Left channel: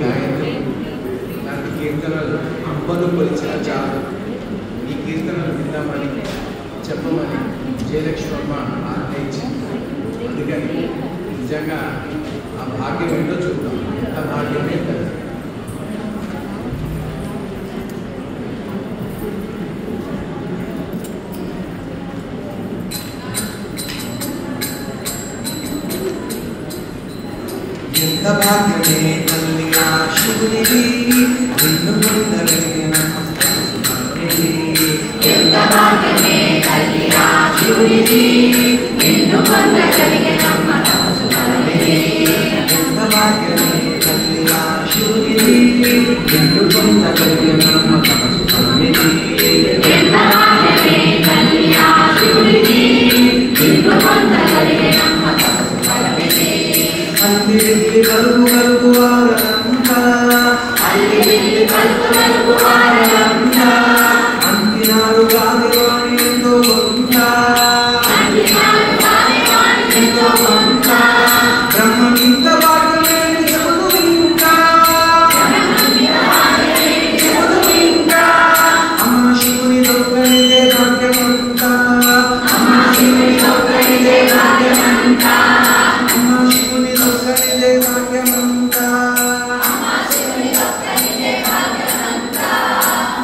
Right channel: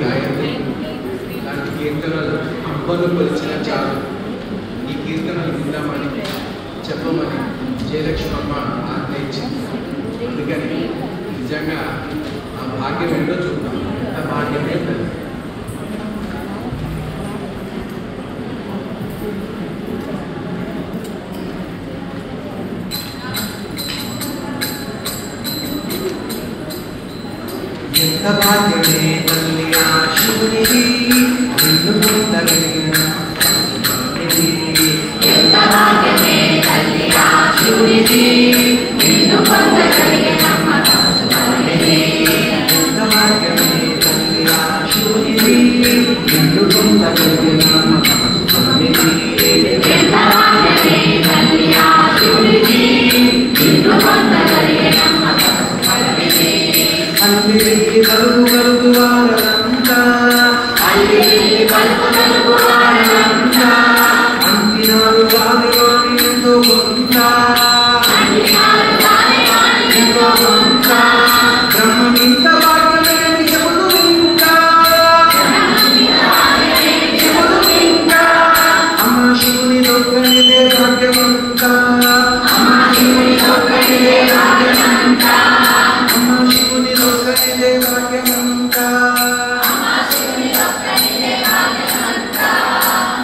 గాయత్రి ఇలాంటి కీర్తనలు అబ్బలు పరిచిన చాలు. ఈ కీర్తనలు విందామని చెప్పమని జయలక్ష్మమ్మ ఆజ్ఞయించింది. అందుకని నిజంగా ఆ భాగ్యం ఏంటో చూద్దాం. ఆ భాగ్యం ఏంటంటే ఎంత భాగ్యమే తల్లి ఆ శివునికి నిన్ను పొందగలిగిన ఎంత భాగ్యమే తల్లి ఆ శివునికి నిన్ను పొందగలిగిన ఎంత భాగ్యమే తల్లి ఆ శివునికి నిన్ను పొందగలిగిన ఎంత భాగ్యమే తల్లి ఆ శివునికి నిన్ను పొందగలిగిన అల్లి వెళ్ళి కలుగు కలుగు వారంతా అల్లి వెళ్ళి కలుగు కలుగు వారంతా అంతినాడు వారి వాణి ఎంతో కొంత అందినాడు వారి వారి ఎంతో కొంత బ్రహ్మనింత భాగ్యమే చెబుతూ ఇంకా అమ్మ శివుని దొక్కనిదే భాగ్యమంతా అమ్మ శివుని ఒక్కడిదే భాగ్యమంతా అమ్మ శివుని దొక్కనిదే భాగ్యమంతా అమ్మ శివుని ఒక్కడిదే భాగ్యమంతా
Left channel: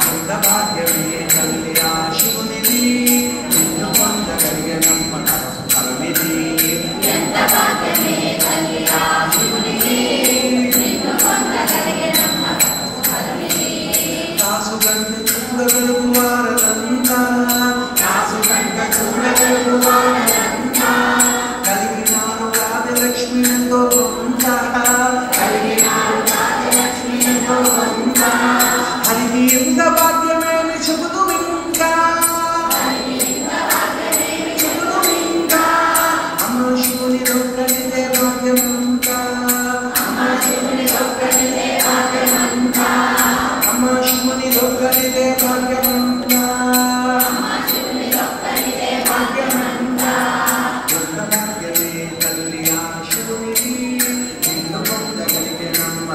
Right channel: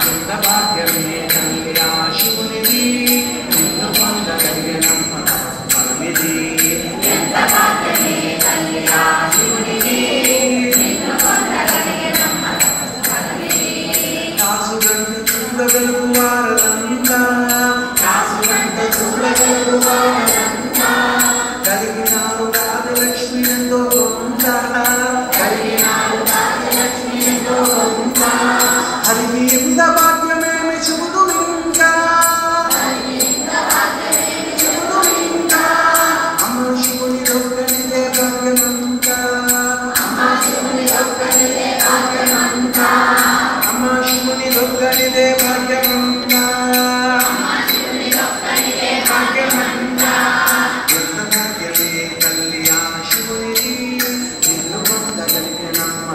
ఎంత భాగ్యమే తల్లి ఆ శివునిది నిన్ను పొందగలిగినమ్మ ఫలమిది ఎంత భాగ్యమే తల్లి ఆ శివునికి నిన్ను పొందగలిగినమ్మ కాసు గంట చూడగలుగు వారంతా కాసుగంట చూడగలుగు వారంతా కలిగినారు రాజలక్ష్మి ఎంతో కొంత కలిగినారు రాజలక్ష్మి ఎంతో కొంత హరికి ఎంత భాగ్యమేమి చెబుతూ ఇంకా అమ్మ శివుని దొక్కనిదే భాగ్యమంతా అమ్మ శివుని ఒక్కడిదే భాగ్యమంతా అమ్మ శివుని దొక్కనిదే భాగ్యమంతా అమ్మ శివుని ఒక్కడిదే భాగ్యమంతా ఎంత భాగ్యమే తల్లి ఆ శివునిది నిన్ను పొందగలిగినమ్మ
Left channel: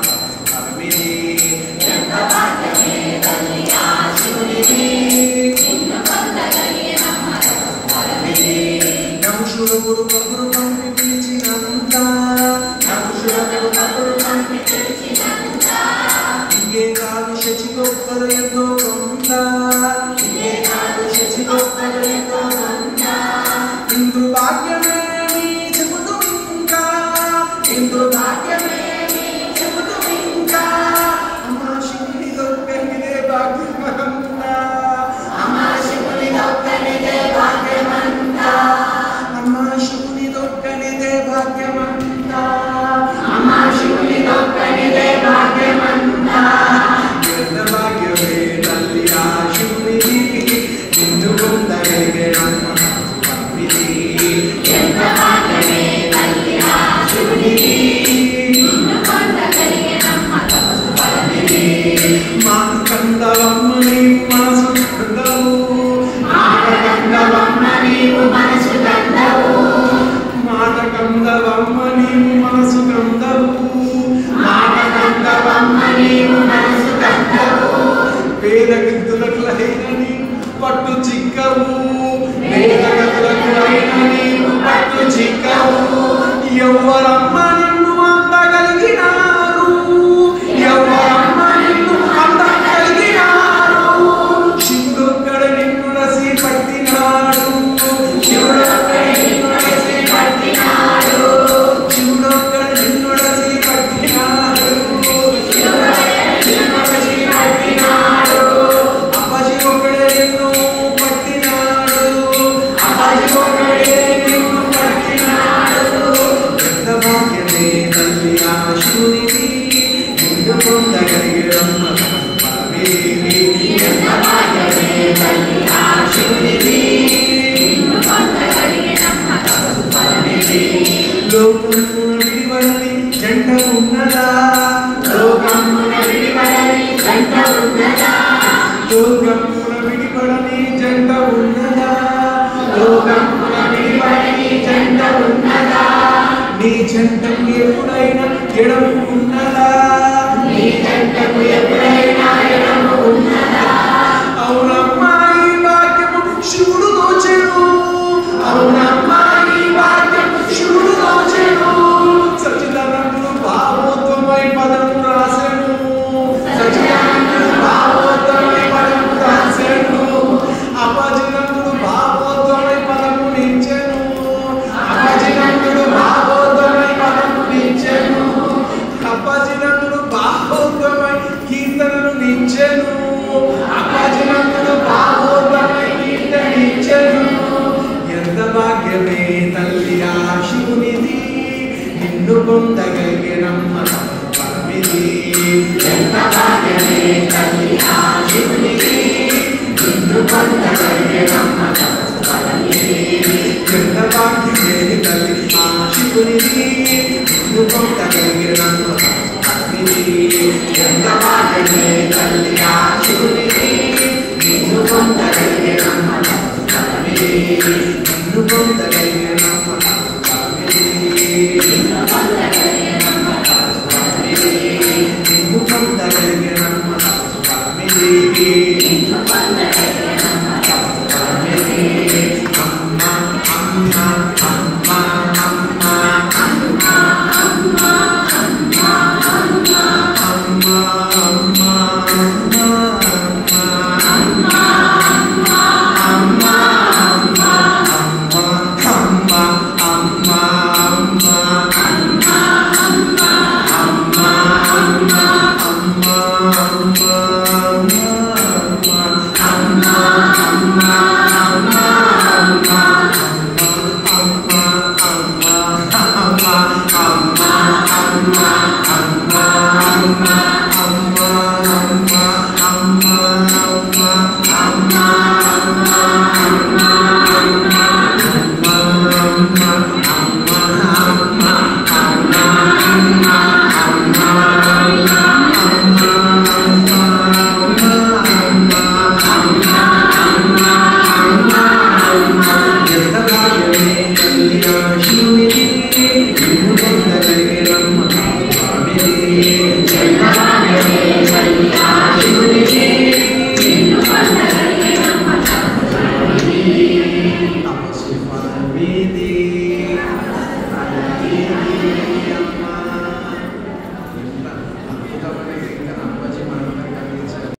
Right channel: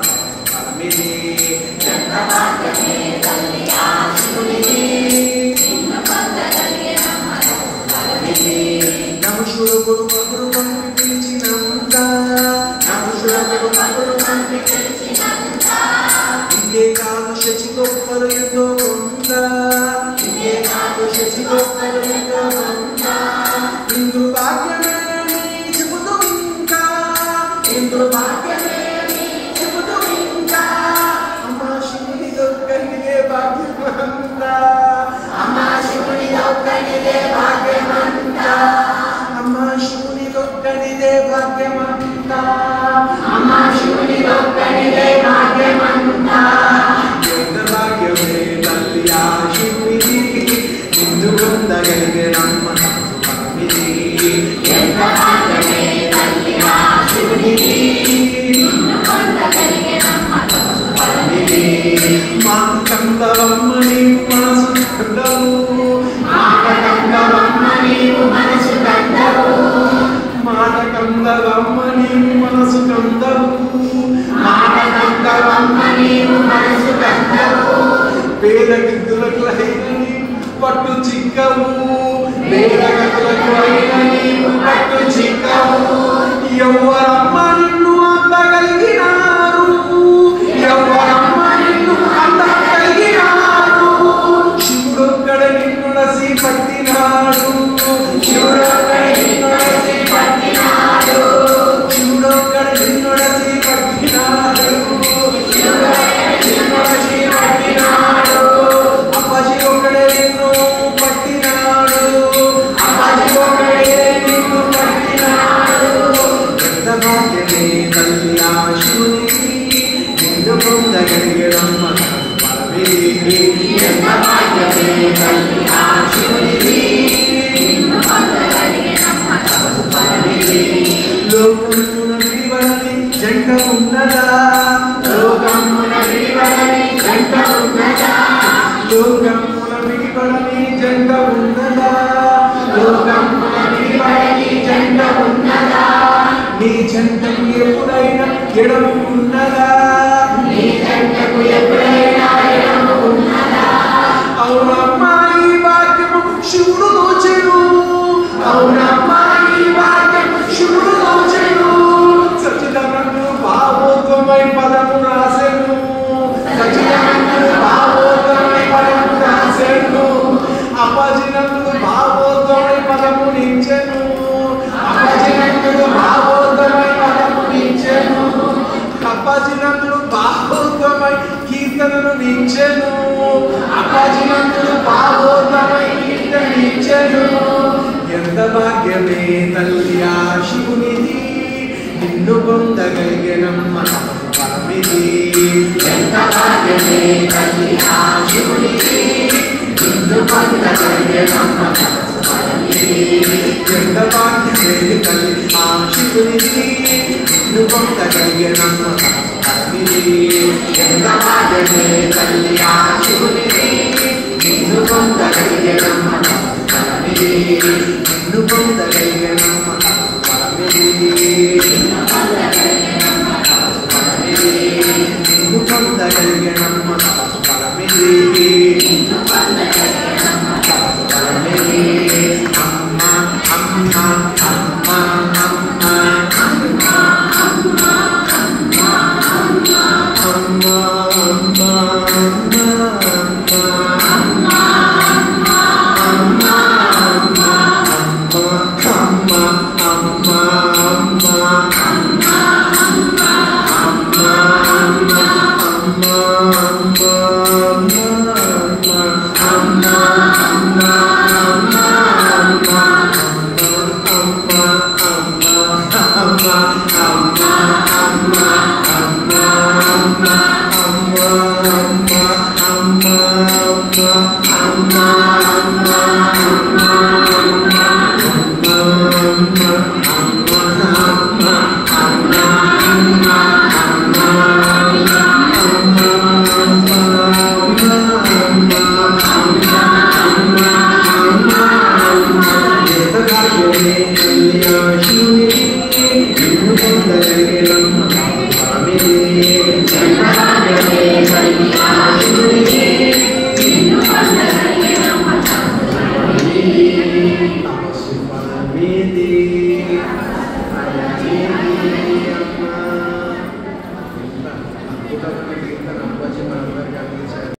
ఫలమిది ఎంత భాగ్యమే తల్లి ఆ శివునికి నిన్ను పొందగలిగినమ్మ నముషుడు కబురు పంపి పిలిచినంత నముషులకు కబురు పంపి పిలిచినంత ఇంకే కాదు శచి గొప్పలు ఎంతో కొంత ఇంకే కాదు శశి గొప్పలు ఎంతో కొంత ఇంద్రు భాగ్యమేమి చెబుతూ ఇంకా ఇంద్రు భాగ్యమే చెబుతూ ఇంకా అమ్మ శివుని దొక్కనిదే భాగ్యమంతా అమ్మ శివుని ఒక్కడిదే భాగ్యమంతా అమ్మ శివుని దొక్కనిదే భాగ్యమంతా అమ్మ శివుని ఒక్కడిదే భాగ్యమంతా ఎంత భాగ్యమే తల్లి ఆ శివునిది నిన్ను పొందగలిగినమ్మ ఫలమిది ఎంత భాగ్యమే తల్లి ఆ శివునికి నిన్ను పొందగలిగినమ్మ ఫలమిది మాకు కందవమ్మ నీవు మనసు కందవు మాట కందవమ్మ నీవు మనసు కందవు మాట కందవమ్మ నీవు మనసు కందవు మాట కందవమ్మ నీవు మనసు కందవు పేద గిద్దులకు అయిన నీవు పట్టు చిక్కవు పేద గతులకు అయిన నీవు పట్టు చిక్కవు ఎవరమ్మ నిన్ను అందగలిగినారు ఎవరమ్మ నిన్ను అందగలిగినారు శివుడొక్కడ నిన్ను రసి పట్టినాడు శివుడొక్కడి నిన్ను రసి పట్టినాడు శివుడొక్కడ నిన్ను రసి పట్టినాడు శివుడొక్కడి నిన్ను రసి పట్టినాడు అప్పాజీ ఒకడే నిన్ను పట్టినాడు అమ్మాజీ ఒక్కడే నిన్ను పట్టినాడు ఎంత భాగ్యమే తల్లి ఆ శివునికి నిన్ను పొందగలిగినమ్మ ఫలమిది ఎంత భాగ్యమే తల్లి ఆ శివునికి నిన్ను పొందగలిగినమ్మ ఫలమిది లోకమున విడివడని జంట ఉన్నదా లోకమున విడివడని జంట ఉన్నదా లోకమున విడివడని జంట ఉన్నదా లోకమున విడివడని జంట ఉన్నదా నీ జంట ఎప్పుడైనా ఎడము ఉన్నదా కీర్తినిచ్చెను అపజలందును పావోగమై కీర్తనిచ్చెను ఎంత భాగ్యమే తల్లి ఆ శివునిది నిన్ను పొందగలిగినమ్మ స్వామిది ఎంత భాగ్యమే తల్లి ఆ శివునిది నిన్ను పొందగలిగినమ్మ స్వామిది ఎంత భాగ్యమే తల్లి ఆ శివునిది నిన్ను పొందగలిగినమ్మ స్వామిది ఎంత భాగ్యమే తల్లి ఆ శివునిది నిన్ను పొందగలిగినమ్మ స్వామిది నిన్ను పొందగలిగినమ్మ స్వామిది నిన్ను పొందగలిగినమ్మ స్వామిది ఎంత భాగ్యమే తల్లి